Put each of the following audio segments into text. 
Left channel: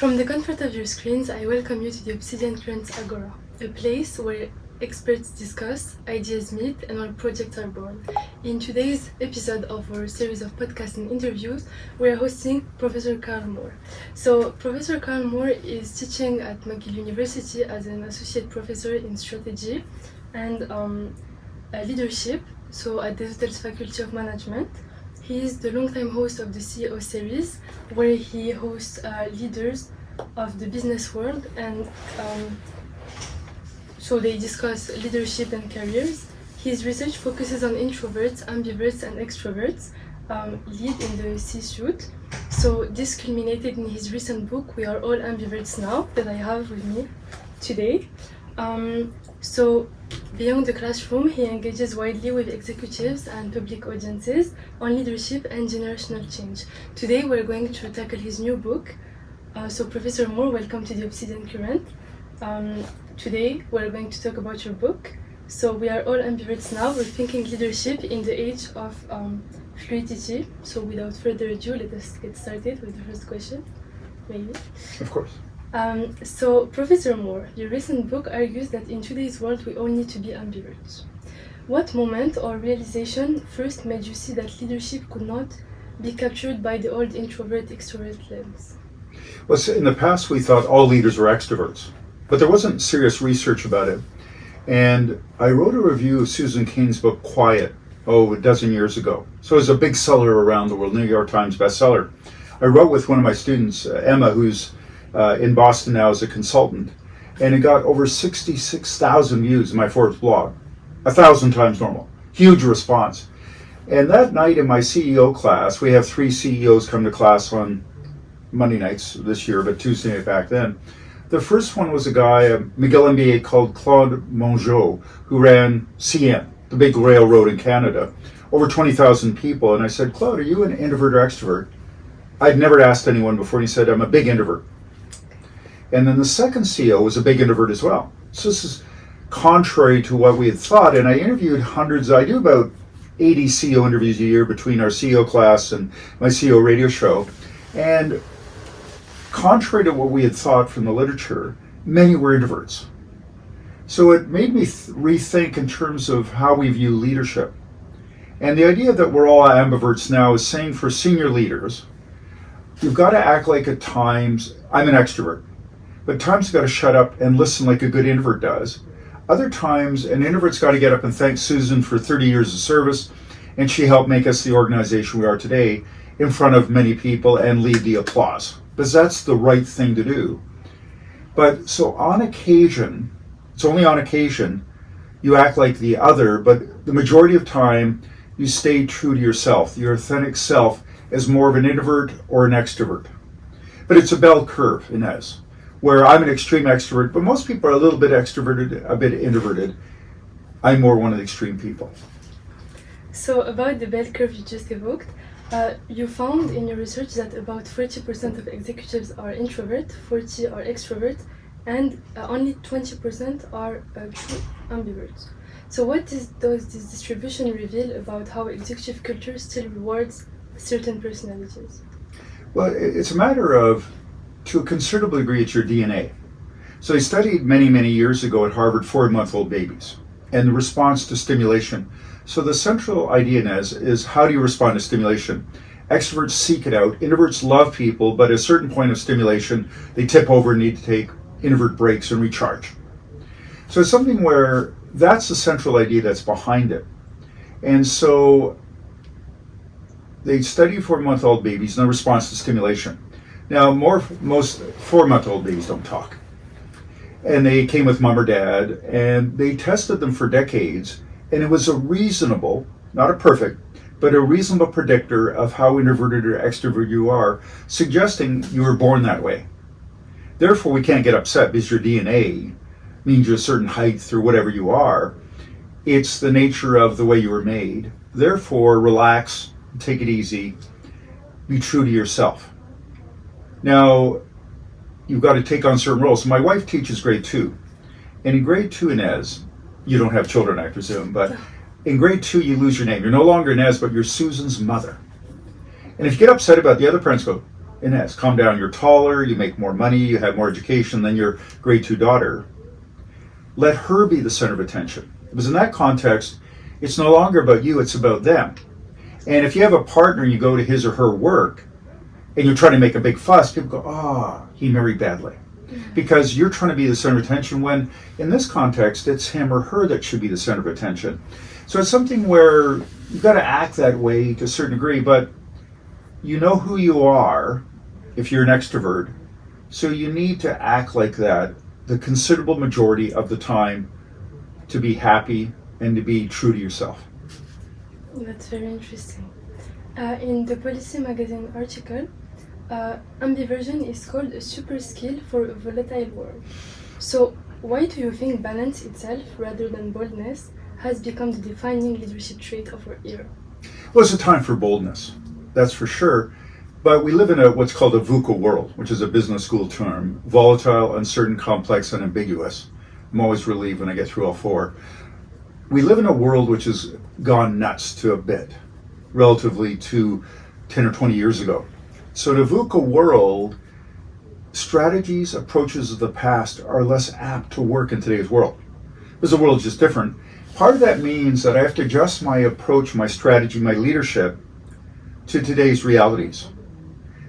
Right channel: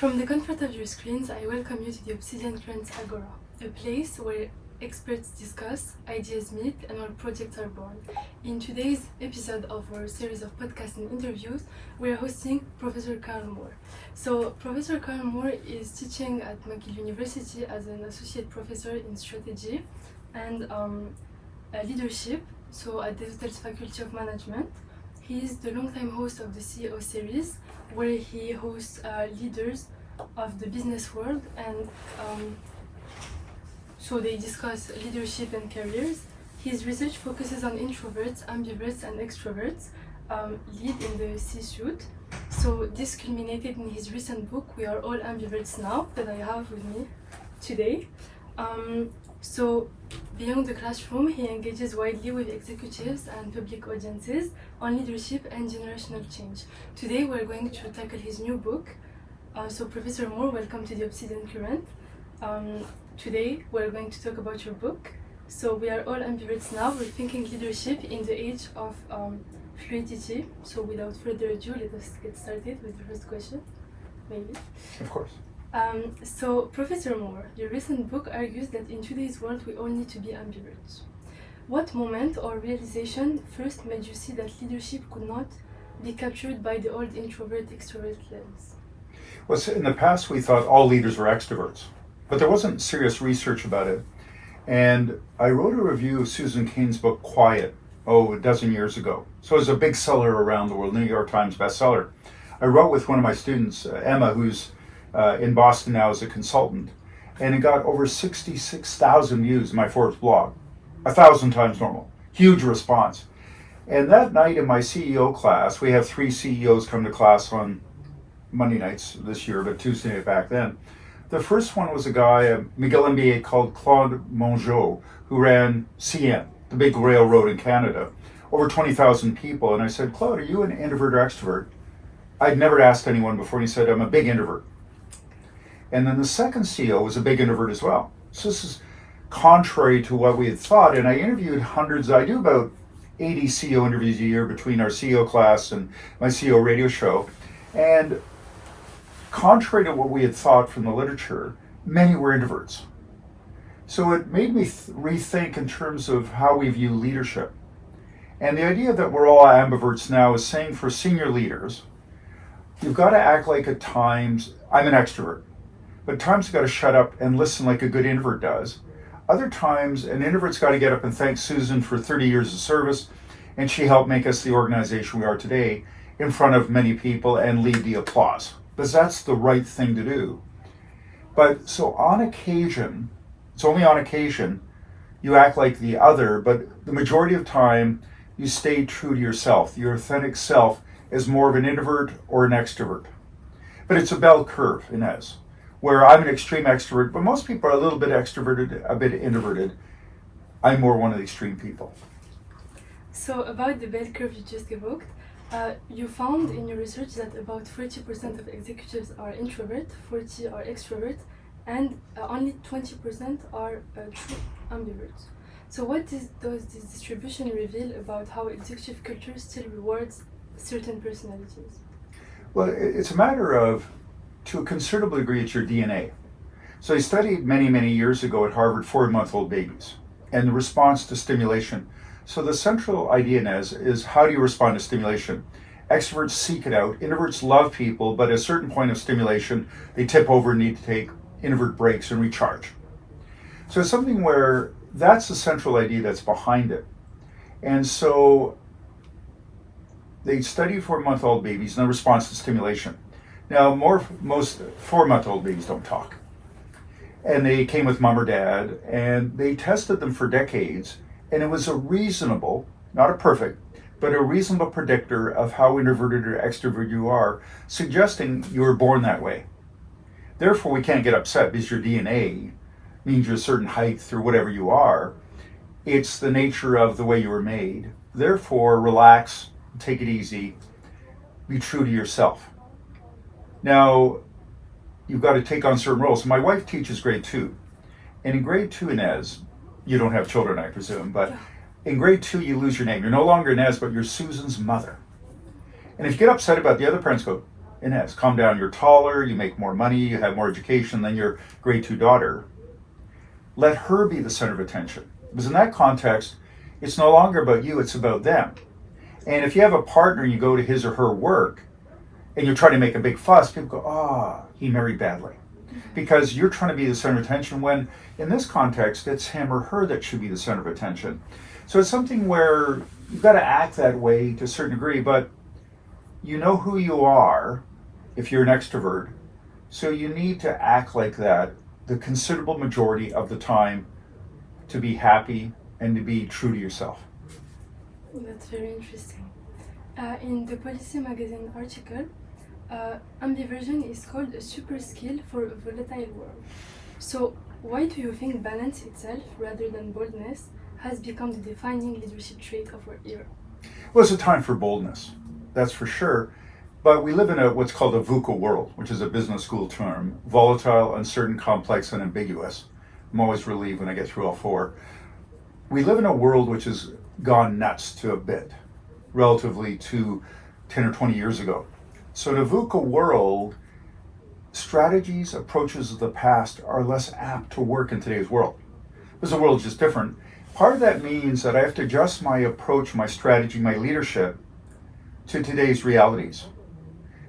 From the comfort of your screens, I welcome you to the Obsidian Current Agora, a place where experts discuss, ideas meet, and our projects are born. In today's episode of our series of podcasts and interviews, we are hosting Professor Karl Moore. So, Professor Karl Moore is teaching at McGill University as an associate professor in strategy and leadership, so at the Hotel's Faculty of Management. He is the longtime host of the CEO series, where he hosts leaders of the business world, and so they discuss leadership and careers. His research focuses on introverts, ambiverts, and extroverts, lead in the C-suite. So this culminated in his recent book, We Are All Ambiverts Now, that I have with me today. So beyond the classroom, he engages widely with executives and public audiences on leadership and generational change. Today we're going to tackle his new book. So Professor Moore, welcome to the Obsidian Current. Today we're going to talk about your book. So We Are All Ambiverts Now, rethinking leadership in the age of fluidity. So without further ado, let us get started with the first question, maybe. Of course. So, Professor Moore, your recent book argues that in today's world we all need to be ambiverts. What moment or realization first made you see that leadership could not be captured by the old introvert-extrovert lens? Well, so in the past we thought all leaders were extroverts, but there wasn't serious research about it. And I wrote a review of Susan Cain's book, Quiet, a dozen years ago. So it was a big seller around the world, New York Times bestseller. I wrote with one of my students, Emma, who's in Boston now as a consultant, and it got over 66,000 views in my Forbes blog, 1,000 times normal, huge response. And that night in my CEO class, we have 3 CEOs come to class on Monday nights this year, but Tuesday night back then. The first one was a guy, a McGill MBA called Claude Mongeau, who ran CN, the big railroad in Canada, over 20,000 people. And I said, Claude, are you an introvert or extrovert? I'd never asked anyone before, and he said, I'm a big introvert. And then the second CEO was a big introvert as well. So this is contrary to what we had thought. And I interviewed hundreds, I do about 80 CEO interviews a year between our CEO class and my CEO radio show. And contrary to what we had thought from the literature, many were introverts. So it made me rethink in terms of how we view leadership. And the idea that we're all ambiverts now is saying for senior leaders, you've got to act like at times, I'm an extrovert. But at times you've got to shut up and listen like a good introvert does. Other times, an introvert's got to get up and thank Susan for 30 years of service, and she helped make us the organization we are today in front of many people and lead the applause. Because that's the right thing to do. But so on occasion, it's only on occasion, you act like the other, but the majority of time, you stay true to yourself. Your authentic self is more of an introvert or an extrovert. But it's a bell curve, Ines, where I'm an extreme extrovert, but most people are a little bit extroverted, a bit introverted. I'm more one of the extreme people. So about the bell curve you just evoked, you found in your research that about 40% of executives are introvert, 40% are extrovert, and only 20% are true ambiverts. So what does this distribution reveal about how executive culture still rewards certain personalities? Well, it's a matter of, to a considerable degree, it's your DNA. So they studied many years ago at Harvard 4-month-old babies and the response to stimulation. So the central idea is how do you respond to stimulation? Extroverts seek it out. Introverts love people, but at a certain point of stimulation, they tip over and need to take introvert breaks and recharge. So it's something where that's the central idea that's behind it. And so they study 4-month-old babies and their response to stimulation. Now, most 4-month-old babies don't talk. And they came with mom or dad, and they tested them for decades, and it was a reasonable, not a perfect, but a reasonable predictor of how introverted or extrovert you are, suggesting you were born that way. Therefore, we can't get upset because your DNA means you're a certain height or whatever you are. It's the nature of the way you were made. Therefore, relax, take it easy, be true to yourself. Now, you've got to take on certain roles. So my wife teaches grade 2. And in grade 2, Ines, you don't have children, I presume, but in grade 2, you lose your name. You're no longer Ines, but you're Susan's mother. And if you get upset about it, the other parents go, Ines, calm down, you're taller, you make more money, you have more education than your grade 2 daughter. Let her be the center of attention. Because in that context, it's no longer about you, it's about them. And if you have a partner and you go to his or her work and you're trying to make a big fuss, people go, he married badly. Because you're trying to be the center of attention when in this context, it's him or her that should be the center of attention. So it's something where you've got to act that way to a certain degree, but you know who you are if you're an extrovert. So you need to act like that the considerable majority of the time to be happy and to be true to yourself. That's very interesting. In the Policy magazine article, ambiversion is called a super skill for a volatile world. So why do you think balance itself, rather than boldness, has become the defining leadership trait of our era? Well, it's a time for boldness, that's for sure. But we live in what's called a VUCA world, which is a business school term: volatile, uncertain, complex, and ambiguous. I'm always relieved when I get through all four. We live in a world which has gone nuts to a bit, relatively to 10 or 20 years ago. So in a VUCA world, strategies, approaches of the past are less apt to work in today's world. Because the world is just different. Part of that means that I have to adjust my approach, my strategy, my leadership to today's realities.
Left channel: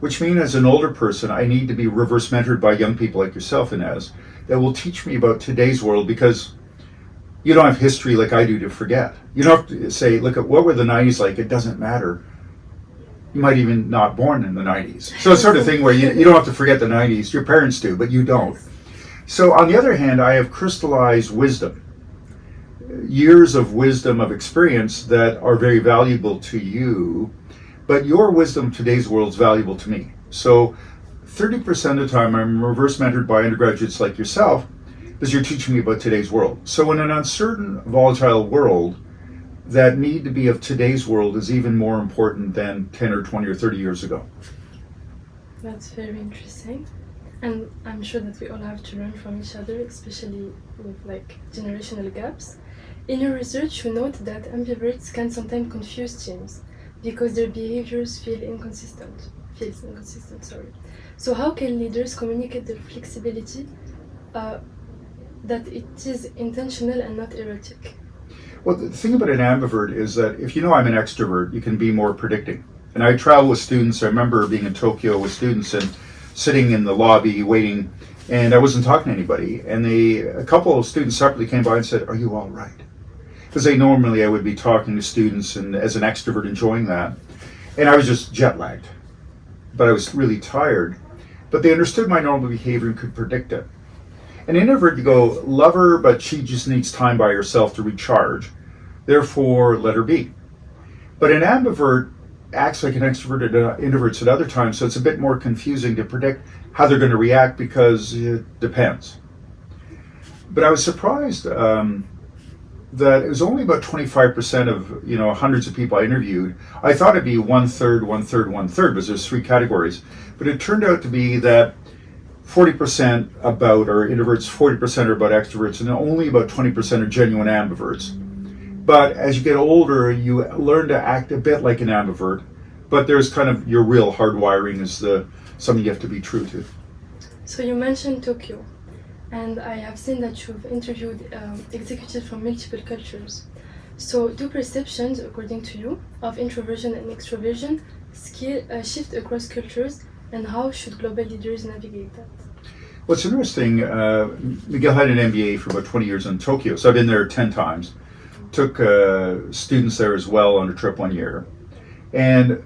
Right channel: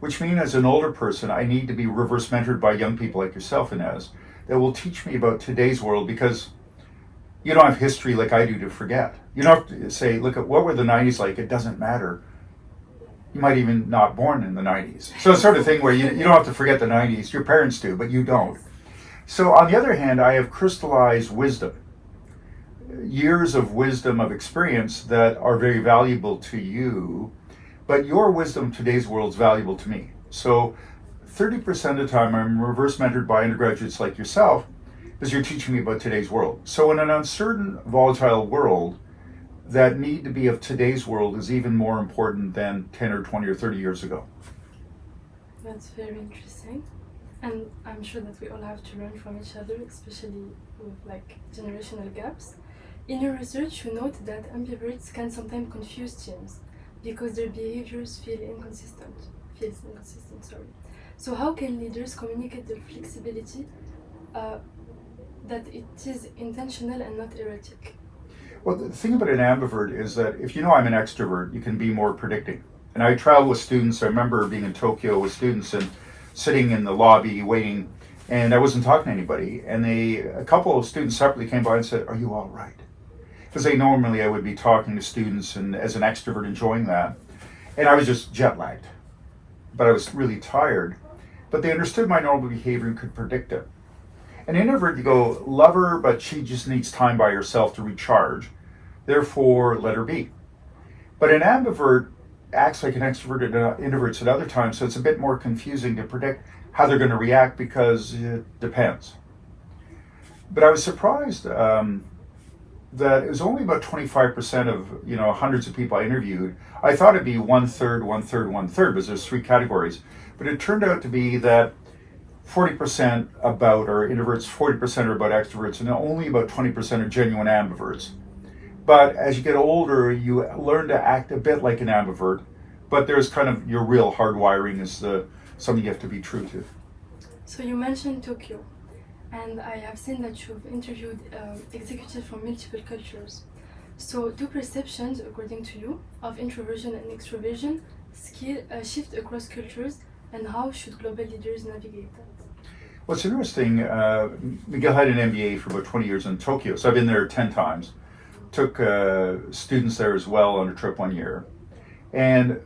Which means as an older person, I need to be reverse mentored by young people like yourself, Ines, that will teach me about today's world, because you don't have history like I do to forget. You don't have to say, look at what were the 90s like, it doesn't matter. You might even not born in the 90s. So it's sort of thing where you don't have to forget the 90s, your parents do, but you don't. So on the other hand, I have crystallized wisdom, years of wisdom, of experience that are very valuable to you, but your wisdom in today's world is valuable to me. So 30% of the time I'm reverse mentored by undergraduates like yourself, because you're teaching me about today's world. So in an uncertain, volatile world, that need to be of today's world is even more important than 10 or 20 or 30 years ago. That's very interesting. And I'm sure that we all have to learn from each other, especially with generational gaps. In your research, you note that ambiverts can sometimes confuse teams because their behaviors feels inconsistent. So how can leaders communicate their flexibility that it is intentional and not erratic? Well, the thing about an ambivert is that if you know I'm an extrovert, you can be more predicting. And I travel with students. I remember being in Tokyo with students and sitting in the lobby waiting, and I wasn't talking to anybody. And a couple of students separately came by and said, "Are you all right?" Because normally I would be talking to students and as an extrovert enjoying that. And I was just jet lagged, but I was really tired. But they understood my normal behavior and could predict it. An introvert, you go, love her, but she just needs time by herself to recharge. Therefore, let her be. But an ambivert acts like an extrovert and introverts at other times, so it's a bit more confusing to predict how they're going to react because it depends. But I was surprised that it was only about 25% of hundreds of people I interviewed. I thought it'd be 1/3, 1/3, 1/3, because there's 3 categories. But it turned out to be that 40% about are introverts, 40% are about extroverts, and only about 20% are genuine ambiverts. But as you get older, you learn to act a bit like an ambivert, but there's kind of your real hardwiring is something you have to be true to. So you mentioned Tokyo, and I have seen that you've interviewed executives from multiple cultures. So do perceptions, according to you, of introversion and extroversion shift across cultures, and how should global leaders navigate that? Well, it's interesting. McGill had an MBA for about 20 years in Tokyo, so I've been there 10 times. Took students there as well on a trip one year. And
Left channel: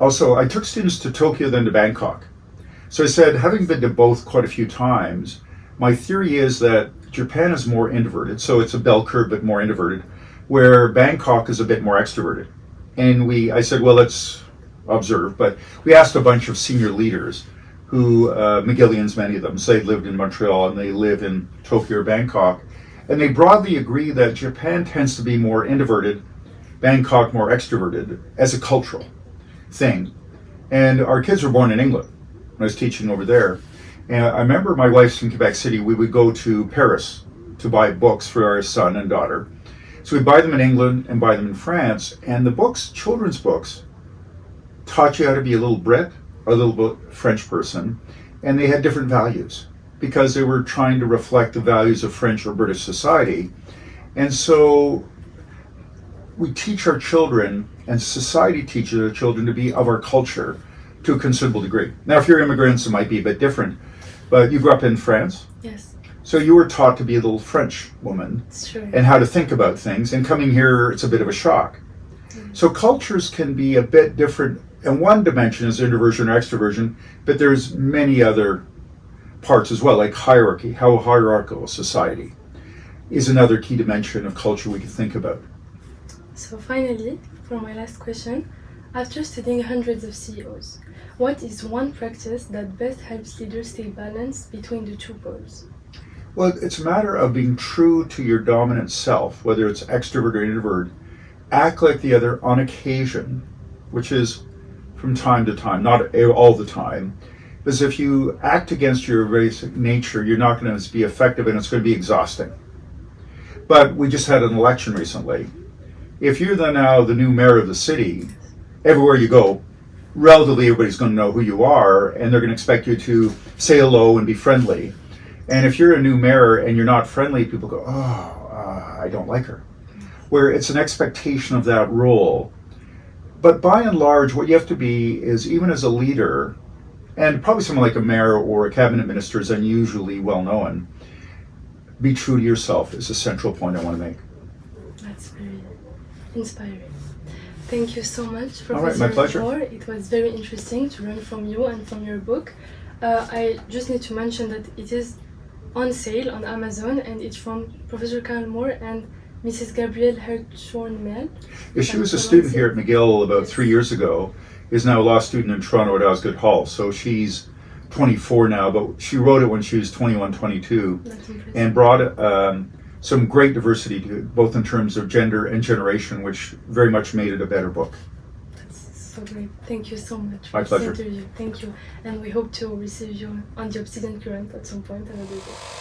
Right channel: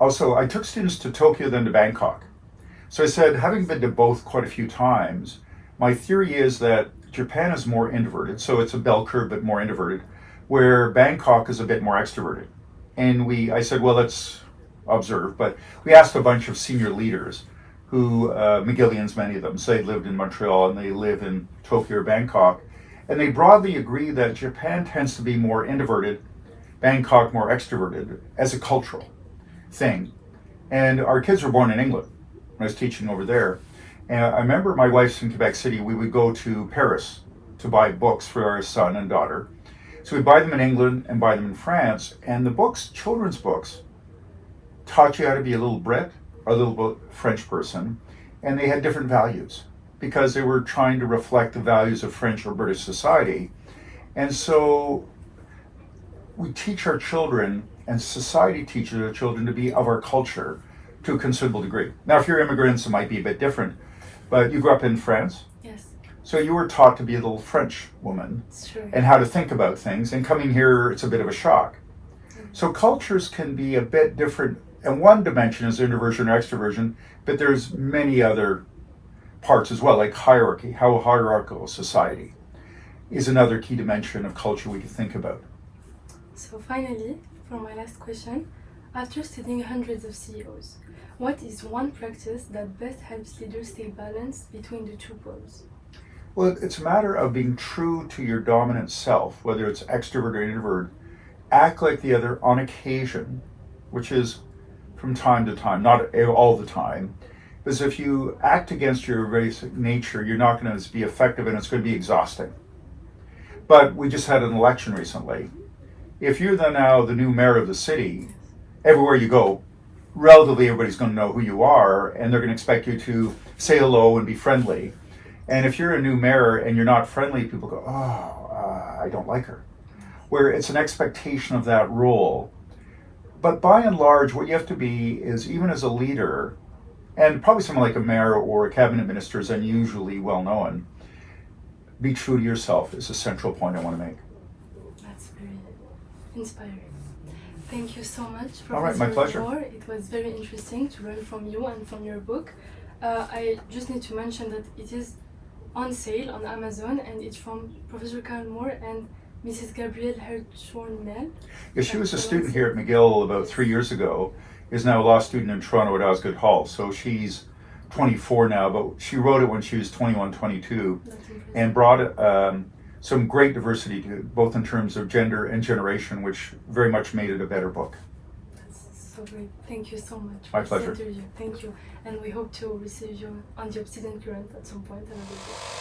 also, I took students to Tokyo, then to Bangkok. So I said, having been to both quite a few times, my theory is that Japan is more introverted, so it's a bell curve, but more introverted, where Bangkok is a bit more extroverted. And I said, well, let's observe, but we asked a bunch of senior leaders who, McGillians, many of them, say lived in Montreal and they live in Tokyo or Bangkok, and they broadly agree that Japan tends to be more introverted, Bangkok more extroverted, as a cultural thing. And our kids were born in England when I was teaching over there. And I remember my wife's from Quebec City. We would go to Paris to buy books for our son and daughter. So we'd buy them in England and buy them in France. And the books, children's books, taught you how to be a little Brit, a little bit French person, and they had different values because they were trying to reflect the values of French or British society. And so we teach our children, and society teaches our children to be of our culture to a considerable degree. Now, if you're immigrants, it might be a bit different, but you grew up in France, Yes, so you were taught to be a little French woman it's true. and how to think about things, and coming here, it's a bit of a shock. So cultures can be a bit different, and one dimension is introversion or extroversion, but there's many other parts as well, like hierarchy, how hierarchical a society is another key dimension of culture we can think about. So finally, for my last question, after studying hundreds of CEOs, what is one practice that best helps leaders stay balanced between the two poles? Well, it's a matter of being true to your dominant self, whether it's extrovert or introvert. Act like the other on occasion, which is from time to time, not all the time. Because if you act against your basic nature, you're not going to be effective and it's going to be exhausting. But we just had an election recently. If you're now the new mayor of the city, everywhere you go, relatively everybody's going to know who you are, and they're going to expect you to say hello and be friendly. And if you're a new mayor and you're not friendly, people go, I don't like her. Where it's an expectation of that role. But by and large, what you have to be is, even as a leader, and probably someone like a mayor or a cabinet minister is unusually well known, be true to yourself is a central point I want to make. That's very inspiring. Thank you so much, Professor All right, my pleasure. Moore. It was very interesting to learn from you and from your book. I just need to mention that it is on sale on Amazon, and it's from Professor Karl Moore and Mrs. Gabrielle Hertshorn-Mel. Yeah, she was a student here at McGill about 3 years ago, is now a law student in Toronto at Osgoode Hall. So she's 24 now, but she wrote it when she was 21, 22, That's impressive. and brought some great diversity to it, both in terms of gender and generation, which very much made it a better book. That's so great. Thank you so much My for pleasure. this interview. Thank you. And we hope to receive you on the Obsidian Current at some point. Have a good day.